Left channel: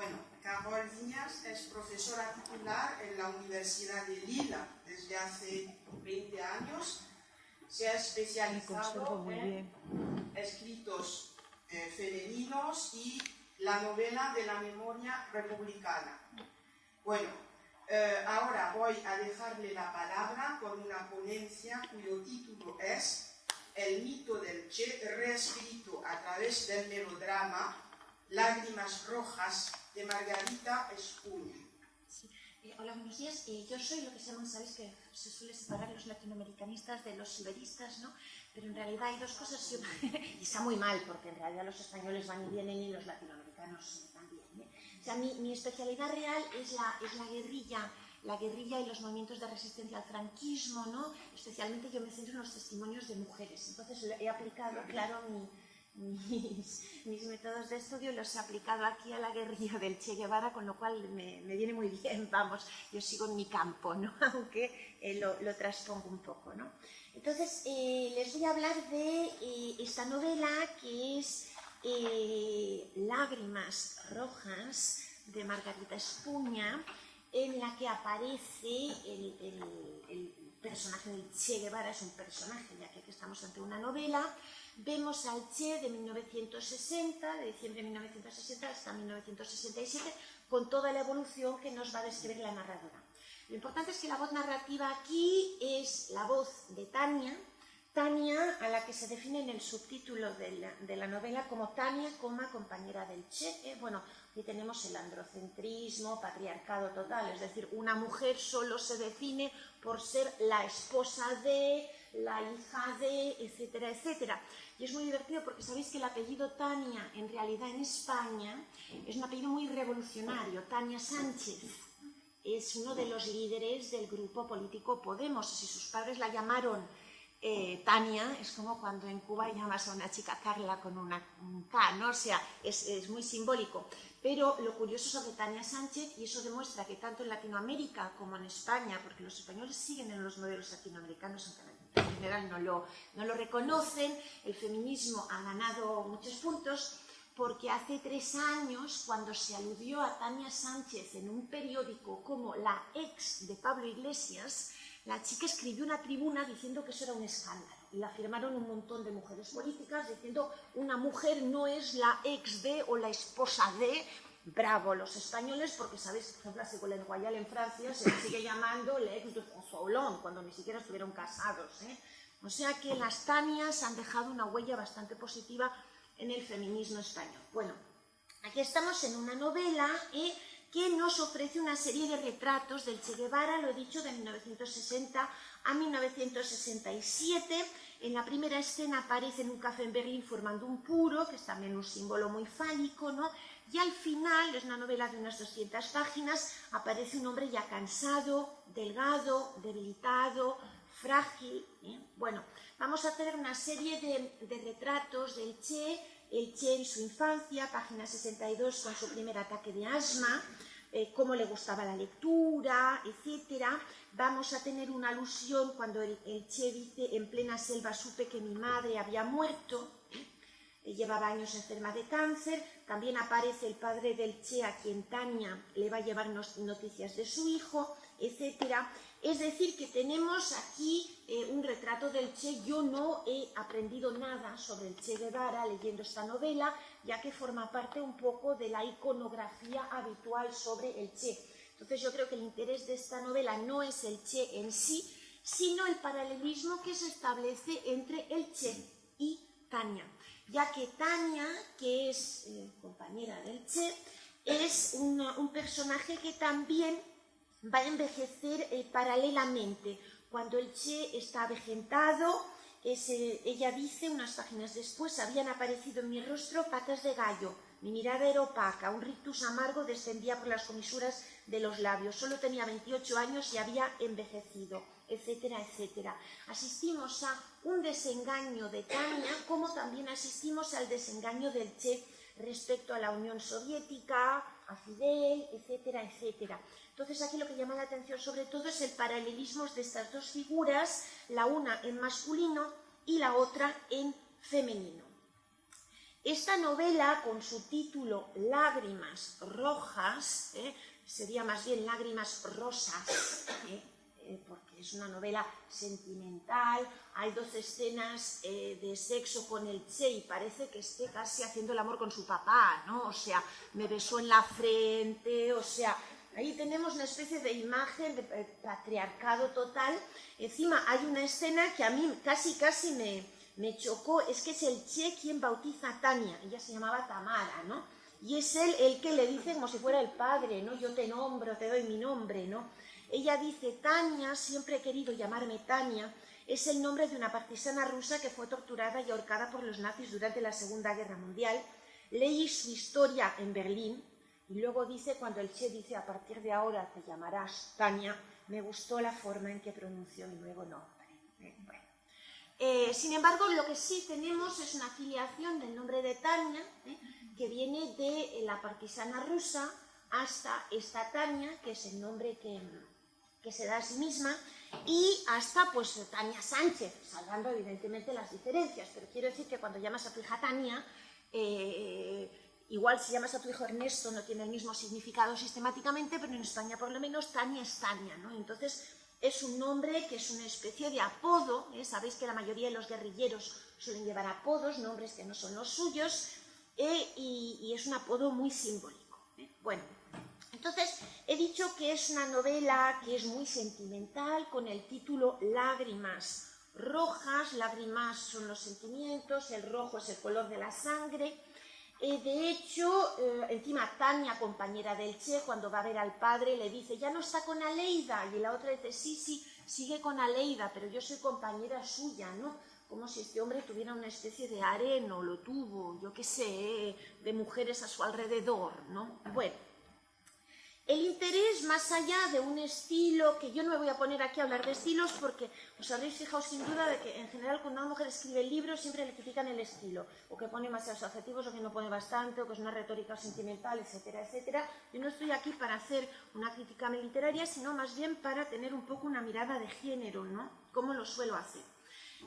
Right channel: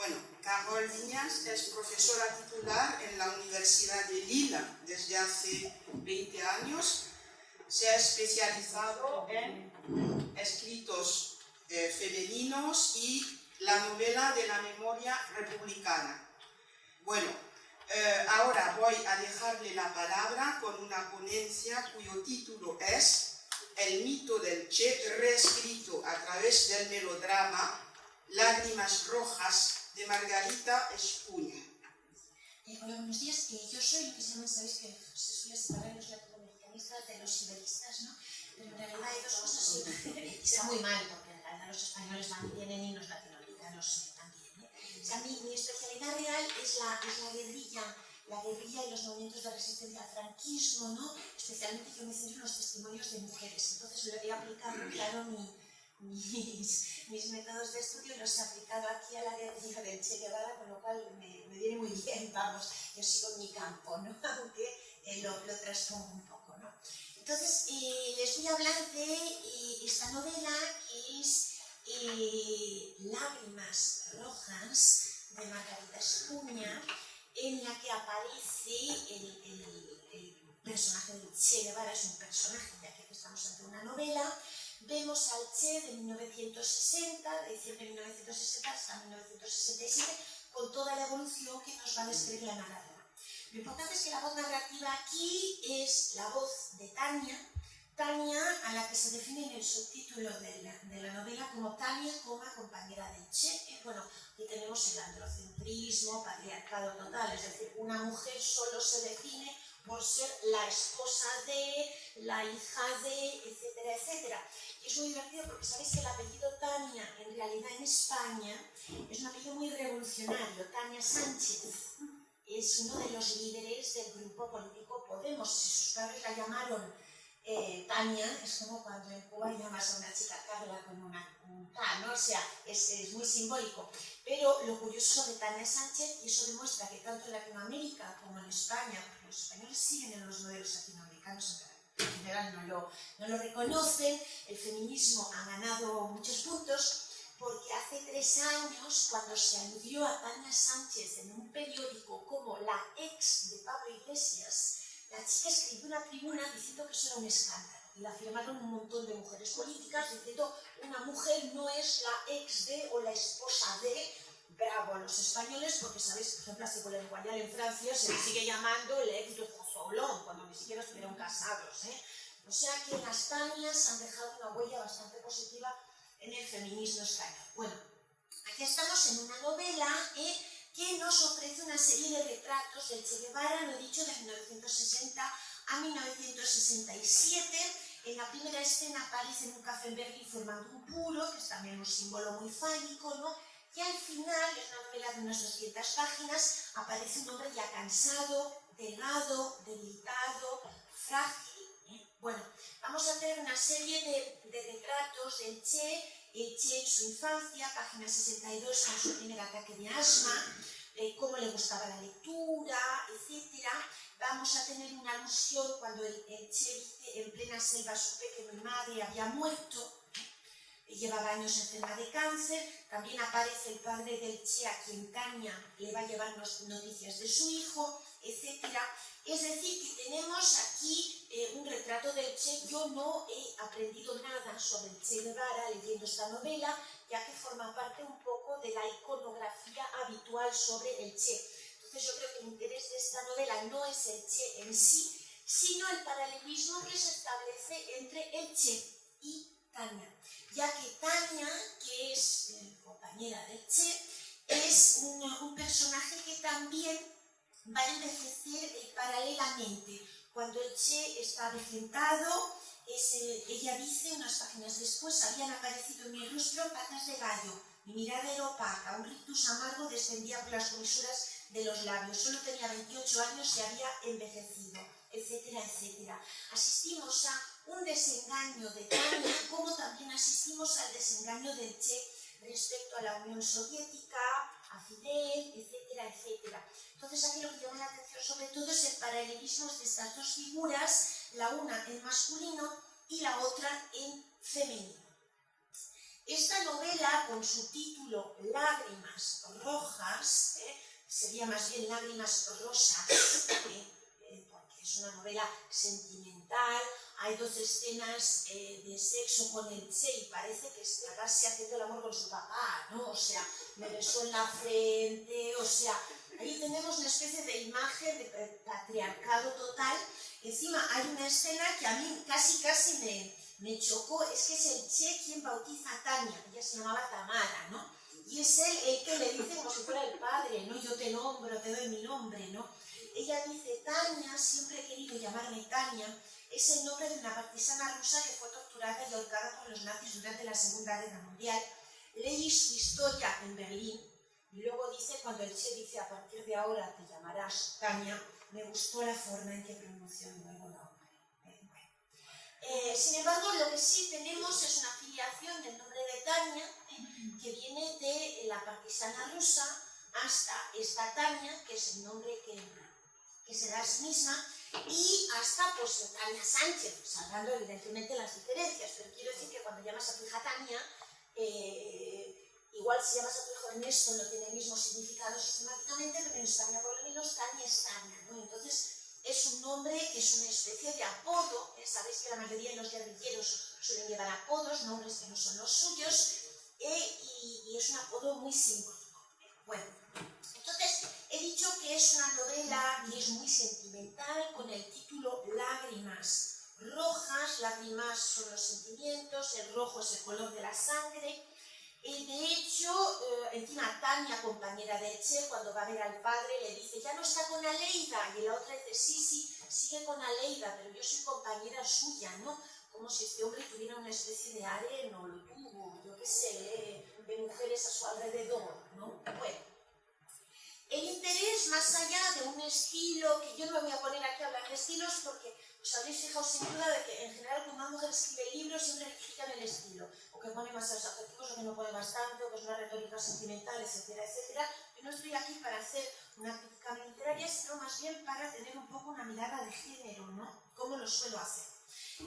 Bueno, Carol Viñas es profesora titular en la Universidad de Lille desde hace 20 años. Se ha especializado en escritos femeninos y la novela de la memoria republicana. Bueno, ahora voy a dejarle la palabra con una ponencia cuyo título es El mito del Che reescrito a través del melodrama Lágrimas Rojas de Margarita Espuña. Hola, buenos días. Yo soy lo que se llama, sabéis que se suele separar los latinoamericanistas de los iberistas, ¿no? Pero en realidad hay dos cosas, y está muy mal, porque en realidad los españoles van y vienen y los latinoamericanos también, ¿eh? O sea, mi especialidad real es la guerrilla y los movimientos de resistencia al franquismo, ¿no? Especialmente yo me centro en los testimonios de mujeres. Entonces he aplicado, claro, mis métodos de estudio los he aplicado aquí a la guerrilla del Che Guevara, con lo cual me viene muy bien, vamos, yo sigo en mi campo, ¿no? Aunque lo transpongo un poco, ¿no? Entonces, les voy a hablar de esta novela que es Lágrimas Rojas de Margarita Espuña, en la que aparece el personaje del Che Guevara. Es un personaje, ya que aquí estamos ante una novela. Vemos al Che de 1960, de diciembre de 1960 hasta 1967, con toda la evolución que nos va a describir la narradora. Lo importante es que la voz narrativa aquí es la voz de Tania, a la que se define en el subtítulo de la novela como Tania, compañera del Che. Bueno, aquí tenemos el androcentrismo, patriarcado total, es decir, una mujer solo se define por ser la esposa de, la hija de, etcétera, etcétera. Y es muy divertido porque sabéis que el apellido Tania, en realidad en España, es un apellido muy revolucionario. Tania Sánchez es uno de los líderes del grupo político Podemos. Si sus padres la llamaron Tania, es como cuando en Cuba llamas a una chica Carla con un K, ¿no? O sea, es muy simbólico. Pero lo curioso sobre Tania Sánchez, y eso demuestra que tanto en Latinoamérica como en España, porque los españoles siguen en los modelos latinoamericanos, en general no lo reconocen, el feminismo ha ganado muchos puntos, porque hace 3 años, cuando se aludió a Tania Sánchez en un periódico como la ex de Pablo Iglesias, la chica escribió una tribuna diciendo que eso era un escándalo, y la firmaron un montón de mujeres políticas diciendo una mujer no es la ex de o la esposa de. Bravo los españoles, porque sabéis que, por ejemplo, a Ségolène Royal en Francia se le sigue llamando el ex de François Hollande, cuando ni siquiera estuvieron casados, ¿eh? O sea que las Tanias han dejado una huella bastante positiva en el feminismo español. Bueno, aquí estamos en una novela que nos ofrece una serie de retratos del Che Guevara, lo he dicho, de 1960 a 1967. En la primera escena aparece en un café en Berlín formando un puro, que es también un símbolo muy fálico, ¿no? Y al final, es una novela de unas 200 páginas, aparece un hombre ya cansado, delgado, debilitado, frágil, ¿eh? Bueno, vamos a tener una serie de retratos del Che, el Che en su infancia, página 62, con su primer ataque de asma, cómo le gustaba la lectura, etc. Vamos a tener una alusión cuando el Che dice: en plena selva supe que mi madre había muerto, llevaba años enferma de cáncer. También aparece el padre del Che, a quien Tania le va a llevar noticias de su hijo, etc. Es decir, que tenemos aquí un retrato del Che. Yo no he aprendido nada sobre el Che Guevara leyendo esta novela, ya que forma parte un poco de la iconografía habitual sobre el Che. Entonces yo creo que el interés de esta novela no es el Che en sí, sino el paralelismo que se establece entre el Che y Tania, ya que Tania, que es compañera del Che, es un personaje que también va a envejecer paralelamente. Cuando el Che está avejentado, ella dice unas páginas después: habían aparecido en mi rostro patas de gallo, mi mirada era opaca, un rictus amargo descendía por las comisuras de los labios, solo tenía 28 años y había envejecido, etcétera, etcétera. Asistimos a un desengaño de Tania, como también asistimos al desengaño del Che respecto a la Unión Soviética, a Fidel, etcétera, etcétera. Entonces aquí lo que llama la atención sobre todo es el paralelismo de estas dos figuras, la una en masculino y la otra en femenino. Esta novela, con su título Lágrimas Rojas, rojas, sería más bien lágrimas rosas, porque es una novela sentimental, hay 2 escenas de sexo con el Che y parece que esté casi haciendo el amor con su papá, ¿no? O sea, me besó en la frente, o sea, ahí tenemos una especie de imagen de patriarcado total. Encima hay una escena que a mí casi me chocó, es que es el Che quien bautiza a Tania, ella se llamaba Tamara, ¿no? Y es él el que le dice como si fuera el padre, ¿no? Yo te nombro, te doy mi nombre, ¿no? Ella dice, Tania, siempre he querido llamarme Tania, es el nombre de una partisana rusa que fue torturada y ahorcada por los nazis durante la Segunda Guerra Mundial. Leí su historia en Berlín y luego dice, cuando el Che dice, a partir de ahora te llamarás Tania, me gustó la forma en que pronunció mi nuevo nombre. Sin embargo, lo que sí tenemos es una afiliación del nombre de Tania, que viene de la partisana rusa hasta esta Tania, que es el nombre que se da a sí misma, y hasta pues Tania Sánchez, salvando evidentemente las diferencias, pero quiero decir que cuando llamas a tu hija Tania, igual si llamas a tu hijo Ernesto no tiene el mismo significado sistemáticamente, pero en España por lo menos Tania es Tania, ¿no? Entonces es un nombre que es una especie de apodo, sabéis que la mayoría de los guerrilleros suelen llevar apodos, nombres que no son los suyos, y es un apodo muy simbólico. Bueno, entonces he dicho que es una novela que es muy sentimental, con el título Lágrimas rojas. Lágrimas son los sentimientos, el rojo es el color de la sangre. De hecho, encima Tania, compañera de Che, cuando va a ver al padre, le dice, ya no está con Aleida, y la otra dice, sí, sigue con Aleida, pero yo soy compañera suya, ¿no? Como si este hombre tuviera una especie de harén, o lo tuvo, yo qué sé, de mujeres a su alrededor, ¿no? Bueno, el interés, más allá de un estilo, que yo no me voy a poner aquí a hablar de estilos porque os habréis fijado sin duda de que en general cuando una mujer escribe libros siempre le critican el estilo, o que pone demasiados adjetivos, o que no pone bastante, o que es una retórica sentimental, etcétera, etcétera. Yo no estoy aquí para hacer una crítica literaria, sino más bien para tener un poco una mirada de género, ¿no? Como lo suelo hacer.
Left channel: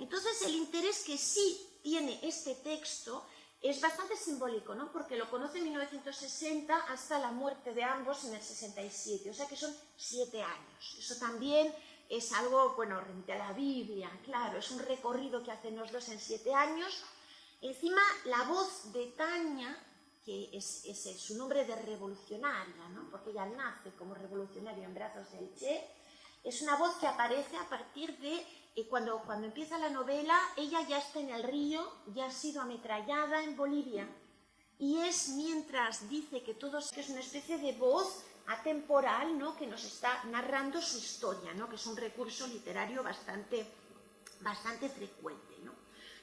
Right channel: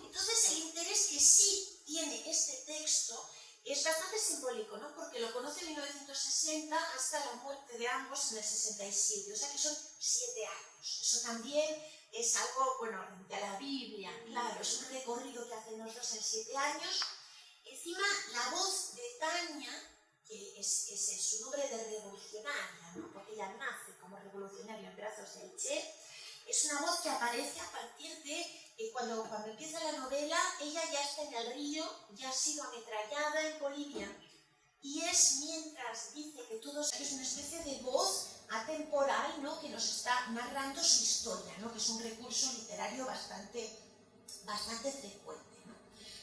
Entonces el interés que sí tiene este texto es bastante simbólico, ¿no? Porque lo conoce en 1960 hasta la muerte de ambos en el 67, o sea que son 7 años. Eso también es algo, bueno, frente a la Biblia, claro, es un recorrido que hacen los dos en 7 años. Encima, la voz de Tania, que es su nombre de revolucionaria, ¿no? Porque ella nace como revolucionaria en brazos del Che, es una voz que aparece a partir de cuando empieza la novela, ella ya está en el río, ya ha sido ametrallada en Bolivia, y es mientras dice que todo es una especie de voz atemporal, ¿no? Que nos está narrando su historia, ¿no? Que es un recurso literario bastante frecuente, ¿no?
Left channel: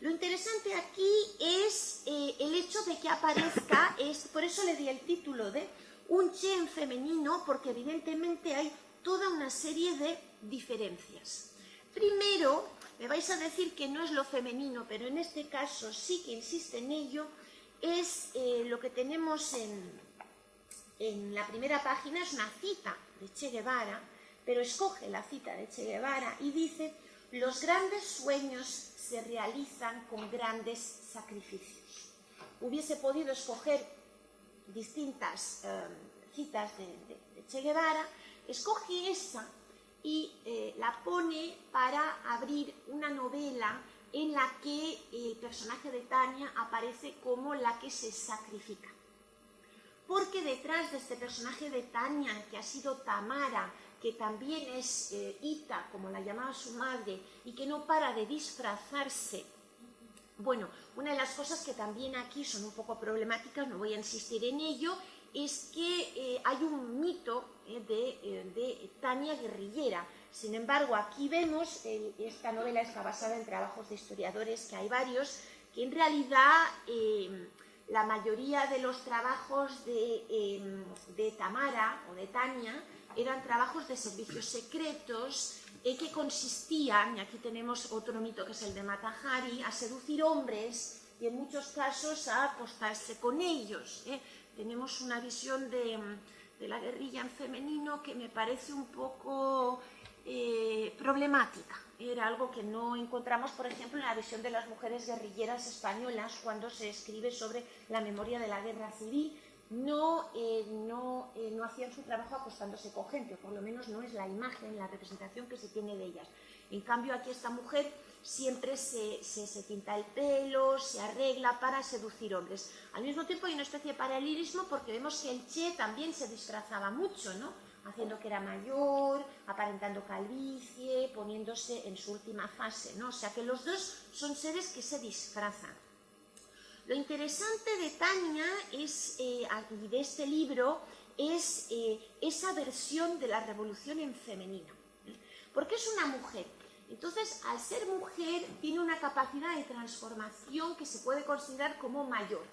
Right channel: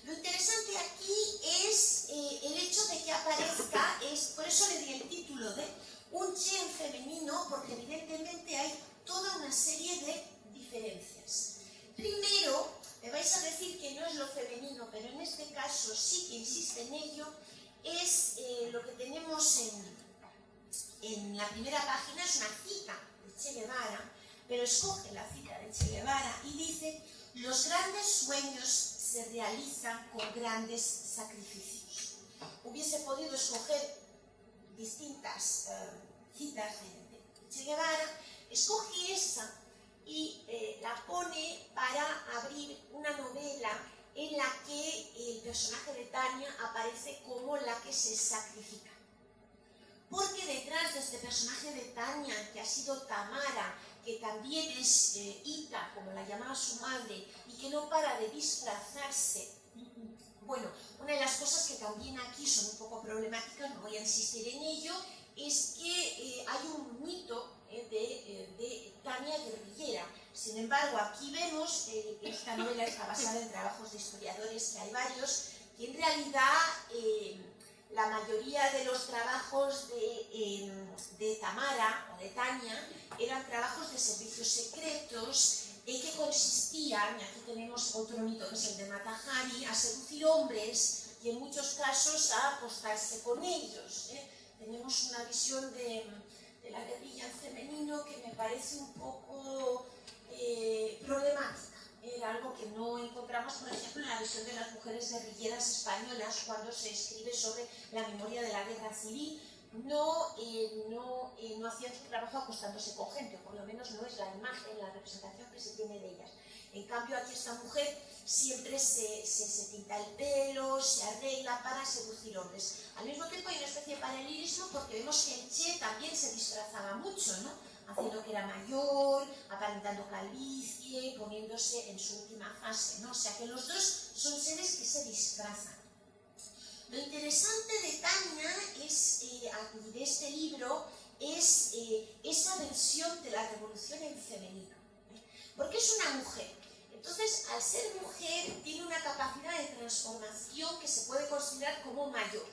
Lo interesante aquí es el hecho de que aparezca, por eso le di el título de un Che en femenino, porque evidentemente hay toda una serie de diferencias. Primero, me vais a decir que no es lo femenino, pero en este caso sí que insiste en ello, es lo que tenemos en la primera página, es una cita de Che Guevara, pero escoge la cita de Che Guevara y dice, los grandes sueños se realizan con grandes sacrificios. Hubiese podido escoger distintas citas de Che Guevara, escoge esa y la pone para abrir una novela en la que el personaje de Tania aparece como la que se sacrifica. Porque detrás de este personaje de Tania, que ha sido Tamara, que también es Ita, como la llamaba su madre, y que no para de disfrazarse, bueno, una de las cosas que también aquí son un poco problemáticas, no voy a insistir en ello, es que hay un mito de Tania guerrillera. Sin embargo, aquí vemos, esta novela está basada en trabajos de historiadores, que hay varios, que en realidad la mayoría de los trabajos de Tamara o de Tania eran trabajos de servicios secretos que consistían, y aquí tenemos otro mito que es el de Mata Hari, a seducir hombres y en muchos casos a acostarse con ellos. Tenemos una visión de la guerrilla en femenino que me parece un poco problemática. Era algo que no encontramos, por ejemplo, en la visión de las mujeres guerrilleras españolas cuando se escribe sobre la memoria de la guerra civil. No hacían su trabajo acostándose con gente, por lo menos no es la imagen, la representación que se tiene de ellas. En cambio, aquí esta mujer siempre se pinta el pelo, se arregla para seducir hombres. Al mismo tiempo hay una especie de paralelismo porque vemos que el Che también se disfrazaba mucho, ¿no? Haciendo que era mayor, aparentando calvicie, poniéndose en su última fase, ¿no? O sea que los dos son seres que se disfrazan. Lo interesante de Tania es, de este libro, es esa versión de la revolución en femenino, porque es una mujer. Entonces, al ser mujer, tiene una capacidad de transformación que se puede considerar como mayor.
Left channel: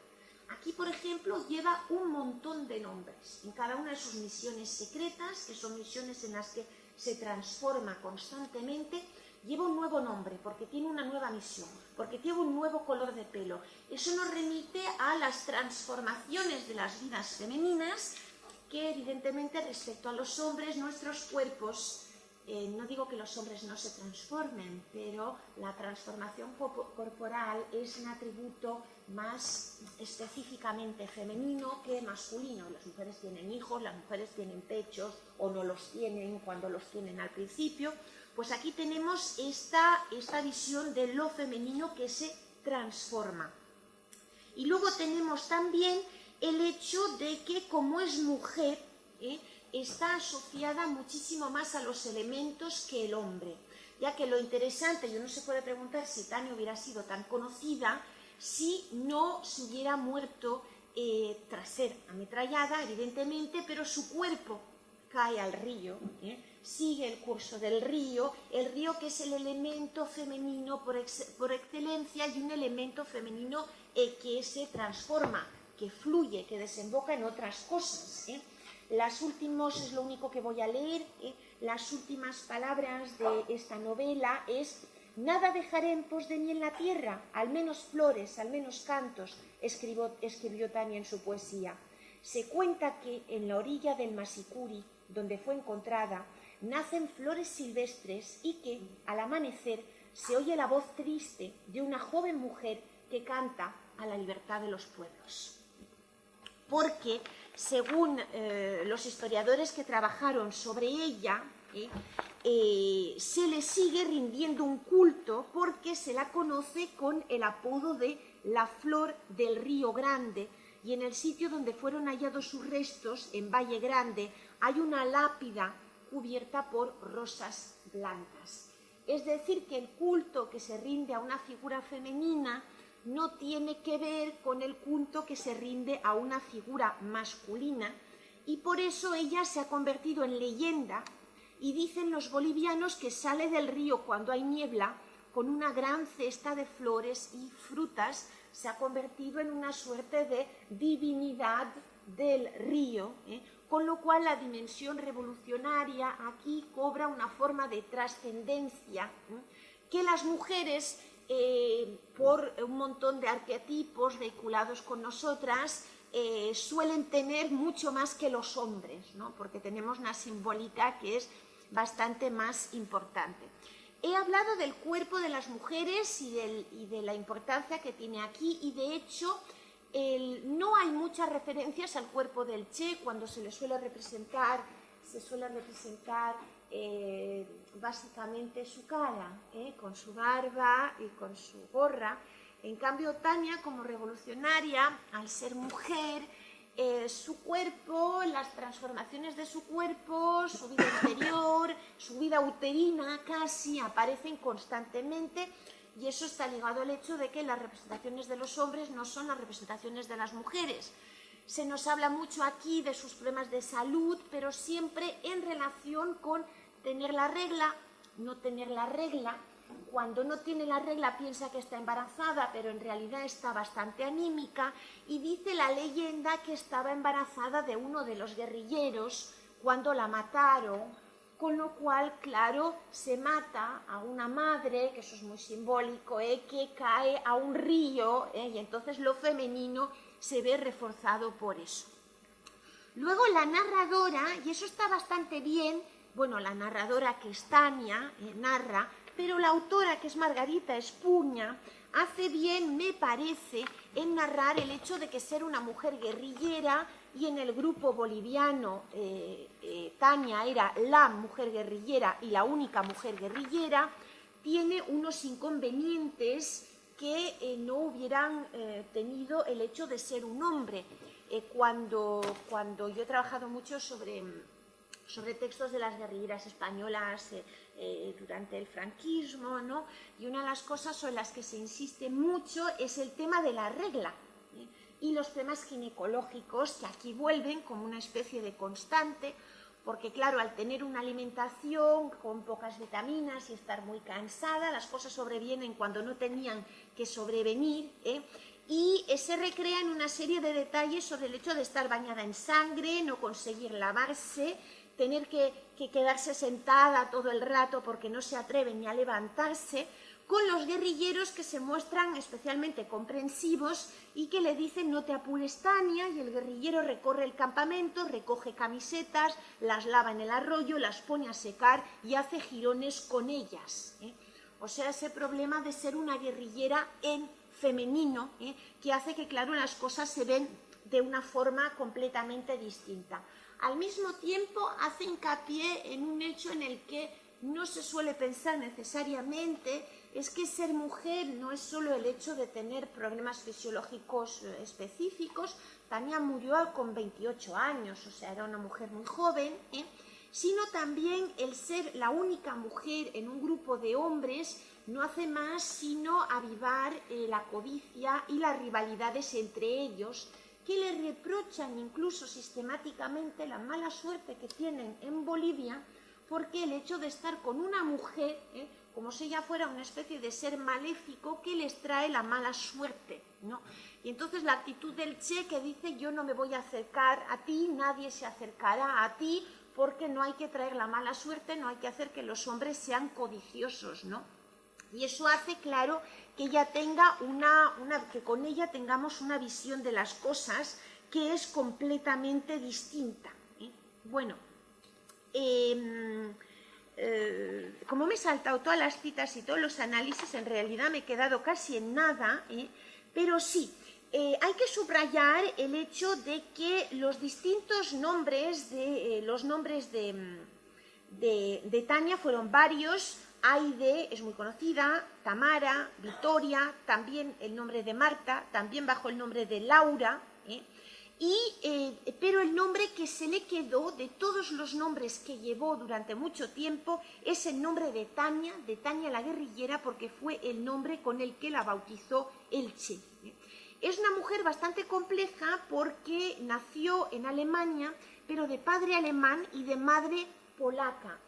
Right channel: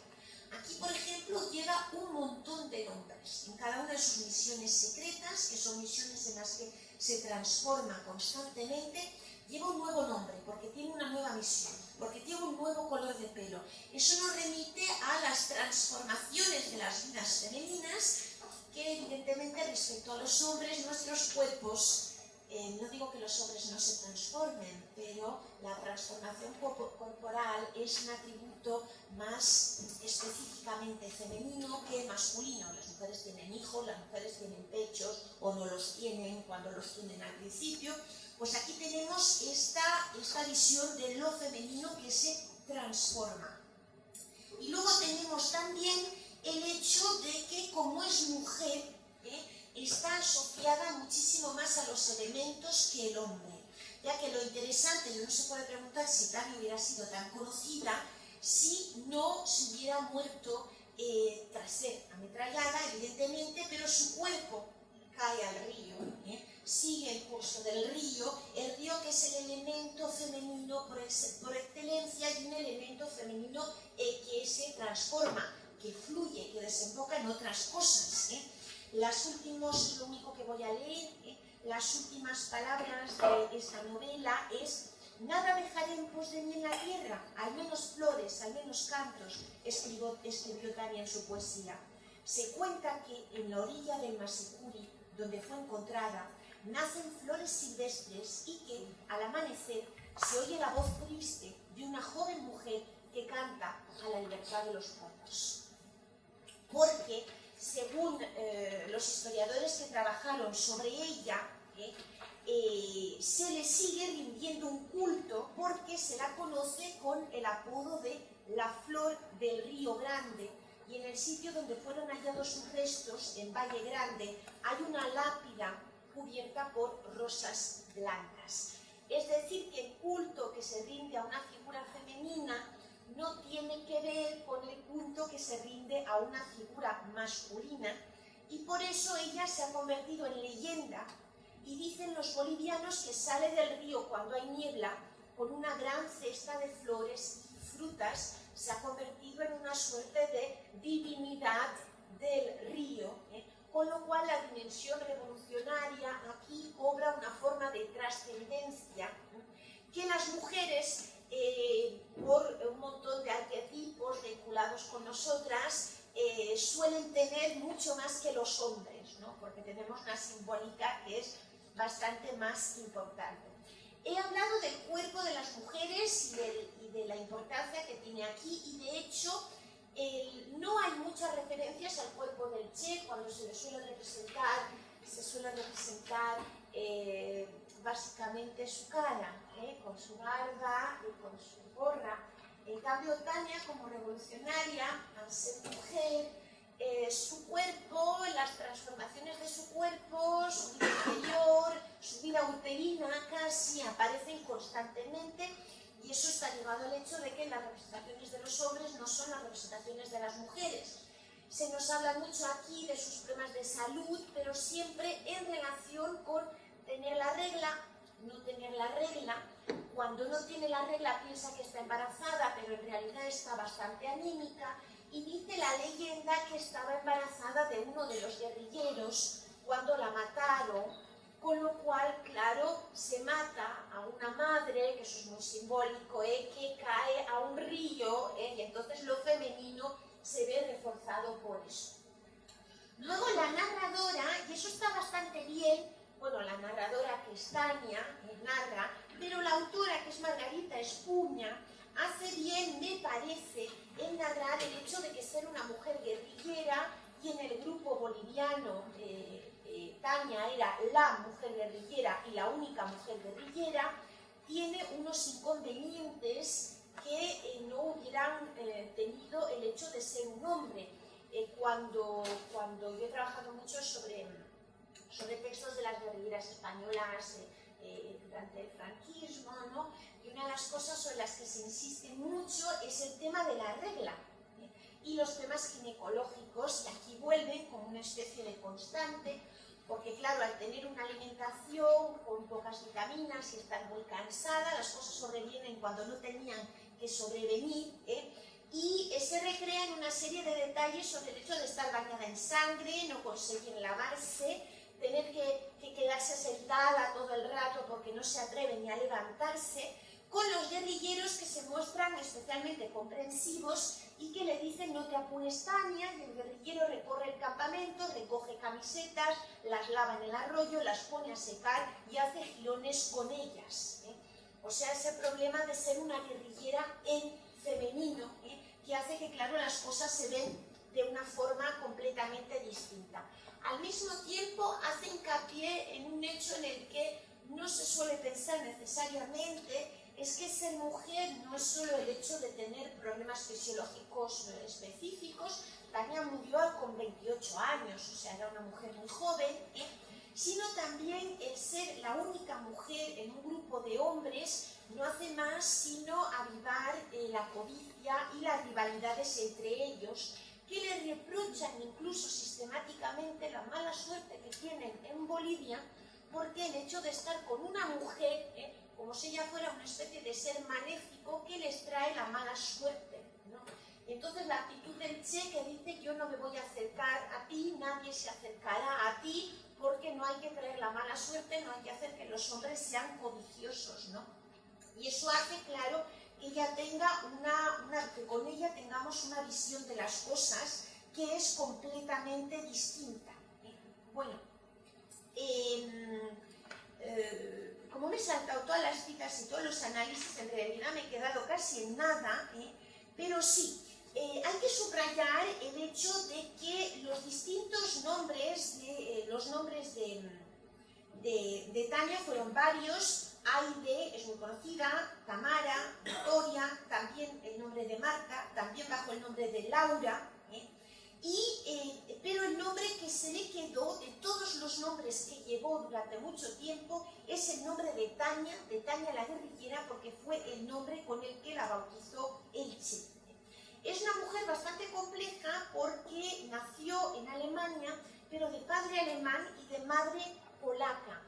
Aquí, por ejemplo, lleva un montón de nombres en cada una de sus misiones secretas, que son misiones en las que se transforma constantemente. Lleva un nuevo nombre porque tiene una nueva misión, porque tiene un nuevo color de pelo. Eso nos remite a las transformaciones de las vidas femeninas, que evidentemente respecto a los hombres, nuestros cuerpos, no digo que los hombres no se transformen, pero la transformación corporal es un atributo más específicamente femenino que masculino. Las mujeres tienen hijos, las mujeres tienen pechos o no los tienen cuando los tienen al principio. Pues aquí tenemos esta visión de lo femenino que se transforma. Y luego tenemos también el hecho de que como es mujer, está asociada muchísimo más a los elementos que el hombre, ya que lo interesante, y uno se puede preguntar si Tania hubiera sido tan conocida si no se hubiera muerto tras ser ametrallada, evidentemente, pero su cuerpo cae al río, sigue el curso del río, el río que es el elemento femenino por excelencia y un elemento femenino que se transforma, que fluye, que desemboca en otras cosas. Las últimas, es lo único que voy a leer, las últimas palabras de esta novela es: nada dejaré en pos de mí en la tierra, al menos flores, al menos cantos, escribió Tania en su poesía. Se cuenta que en la orilla del Masicuri, donde fue encontrada, nacen flores silvestres y que, al amanecer, se oye la voz triste de una joven mujer que canta a la libertad de los pueblos. Porque según los historiadores que trabajaron sobre ella, se le sigue rindiendo un culto porque se la conoce con el apodo de la Flor del Río Grande, y en el sitio donde fueron hallados sus restos, en Valle Grande, hay una lápida cubierta por rosas blancas. Es decir, que el culto que se rinde a una figura femenina no tiene que ver con el culto que se rinde a una figura masculina, y por eso ella se ha convertido en leyenda, y dicen los bolivianos que sale del río cuando hay niebla con una gran cesta de flores y frutas. Se ha convertido en una suerte de divinidad del río, con lo cual la dimensión revolucionaria aquí cobra una forma de trascendencia que las mujeres, por un montón de arquetipos vinculados con nosotras, suelen tener mucho más que los hombres, ¿no? Porque tenemos una simbólica que es bastante más importante. He hablado del cuerpo de las mujeres y de la importancia que tiene aquí, y de hecho no hay muchas referencias al cuerpo del Che. Cuando se le suele representar básicamente su cara, con su barba y con su gorra. En cambio, Tania, como revolucionaria, al ser mujer, su cuerpo, las transformaciones de su cuerpo, su vida interior, su vida uterina casi aparecen constantemente, y eso está ligado al hecho de que las representaciones de los hombres no son las representaciones de las mujeres. Se nos habla mucho aquí de sus problemas de salud, pero siempre en relación con tener la regla, no tener la regla. Cuando no tiene la regla piensa que está embarazada, pero en realidad está bastante anímica, y dice la leyenda que estaba embarazada de uno de los guerrilleros cuando la mataron, con lo cual, claro, se mata a una madre, que eso es muy simbólico, que cae a un río, y entonces lo femenino se ve reforzado por eso. Luego la narradora, y eso está bastante bien, bueno, la narradora, que es Tania, narra, pero la autora, que es Margarita Espuña, hace bien, me parece, en narrar el hecho de que ser una mujer guerrillera y en el grupo boliviano Tania era la mujer guerrillera y la única mujer guerrillera, tiene unos inconvenientes que no hubieran tenido el hecho de ser un hombre. Cuando yo he trabajado mucho sobre textos de las guerrilleras españolas durante el franquismo, ¿no? Y una de las cosas sobre las que se insiste mucho es el tema de la regla, y los temas ginecológicos, que aquí vuelven como una especie de constante, porque claro, al tener una alimentación con pocas vitaminas y estar muy cansada, las cosas sobrevienen cuando no tenían que sobrevenir, y se recrean una serie de detalles sobre el hecho de estar bañada en sangre, no conseguir lavarse, tener que quedarse sentada todo el rato porque no se atreven ni a levantarse, con los guerrilleros que se muestran especialmente comprensivos y que le dicen no te apures, Tania, y el guerrillero recorre el campamento, recoge camisetas, las lava en el arroyo, las pone a secar y hace jirones con ellas. O sea, ese problema de ser una guerrillera en femenino, que hace que, claro, las cosas se ven de una forma completamente distinta. Al mismo tiempo, hace hincapié en un hecho en el que no se suele pensar necesariamente, es que ser mujer no es solo el hecho de tener problemas fisiológicos específicos. Tania murió con 28 años, o sea, era una mujer muy joven, sino también el ser la única mujer en un grupo de hombres no hace más sino avivar la codicia y las rivalidades entre ellos, que le reprochan incluso sistemáticamente la mala suerte que tienen en Bolivia, porque el hecho de estar con una mujer, como si ella fuera una especie de ser maléfico que les trae la mala suerte, ¿no? Y entonces la actitud del Che, que dice yo no me voy a acercar a ti, nadie se acercará a ti, porque no hay que traer la mala suerte, no hay que hacer que los hombres sean codiciosos, ¿no? Y eso hace, claro, que ella tenga que con ella tengamos una visión de las cosas que es completamente distinta. Bueno, como me he saltado todas las citas y todos los análisis, en realidad me he quedado casi en nada, pero sí, hay que subrayar el hecho de que los distintos nombres de Tania fueron varios. Aide es muy conocida, Tamara, Victoria, también el nombre de Marta, también bajo el nombre de Laura, pero el nombre que se le quedó de todos los nombres que llevó durante mucho tiempo es el nombre de Tania la guerrillera, porque fue el nombre con el que la bautizó el Che. Es una mujer bastante compleja porque nació en Alemania, pero de padre alemán y de madre polaca.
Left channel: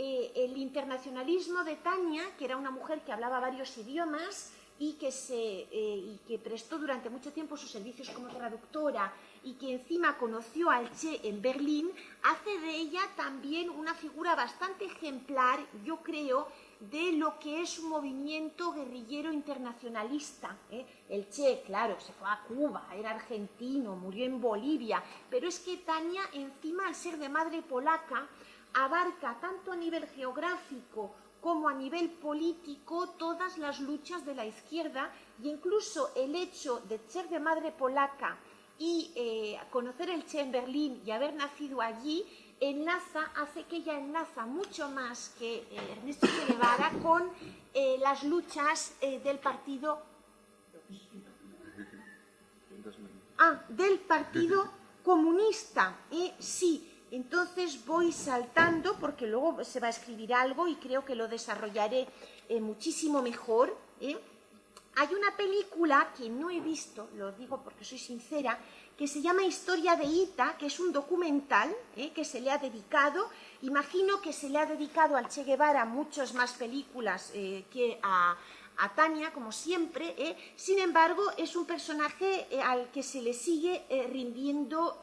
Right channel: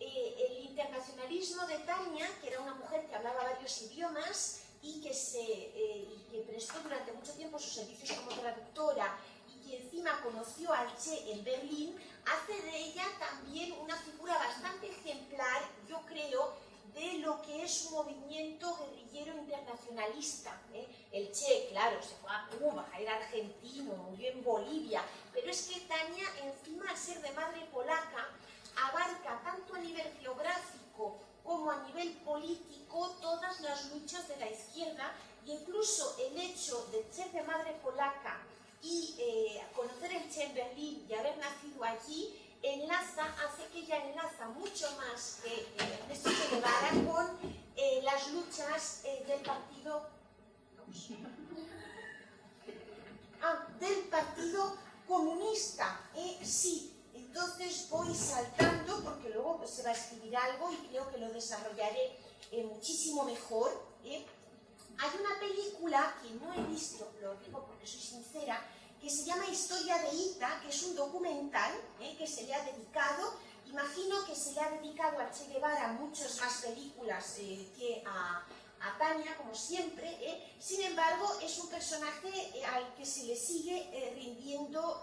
El internacionalismo de Tania, que era una mujer que hablaba varios idiomas y que prestó durante mucho tiempo sus servicios como traductora y que encima conoció al Che en Berlín, hace de ella también una figura bastante ejemplar, yo creo, de lo que es un movimiento guerrillero internacionalista. El Che, claro, se fue a Cuba, era argentino, murió en Bolivia, pero es que Tania, encima al ser de madre polaca, abarca tanto a nivel geográfico como a nivel político todas las luchas de la izquierda, y incluso el hecho de ser de madre polaca y conocer el Che en Berlín y haber nacido allí, hace que ella enlaza mucho más que Ernesto Che Guevara con las luchas del Partido Comunista. Sí. Entonces voy saltando porque luego se va a escribir algo y creo que lo desarrollaré muchísimo mejor. Hay una película que no he visto, lo digo porque soy sincera, que se llama Historia de Ita, que es un documental que se le ha dedicado. Imagino que se le ha dedicado al Che Guevara muchas más películas que a Tania, como siempre. Sin embargo, es un personaje al que se le sigue rindiendo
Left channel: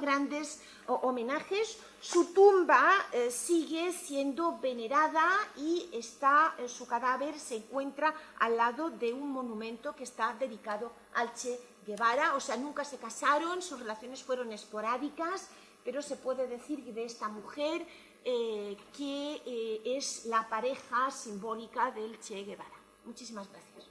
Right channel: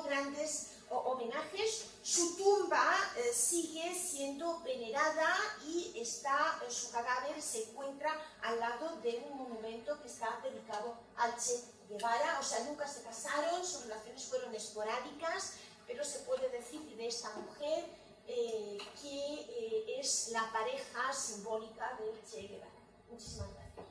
grandes homenajes. Su tumba sigue siendo venerada y su cadáver se encuentra al lado de un monumento que está dedicado al Che Guevara. O sea, nunca se casaron, sus relaciones fueron esporádicas, pero se puede decir de esta mujer que es la pareja simbólica del Che Guevara. Muchísimas gracias.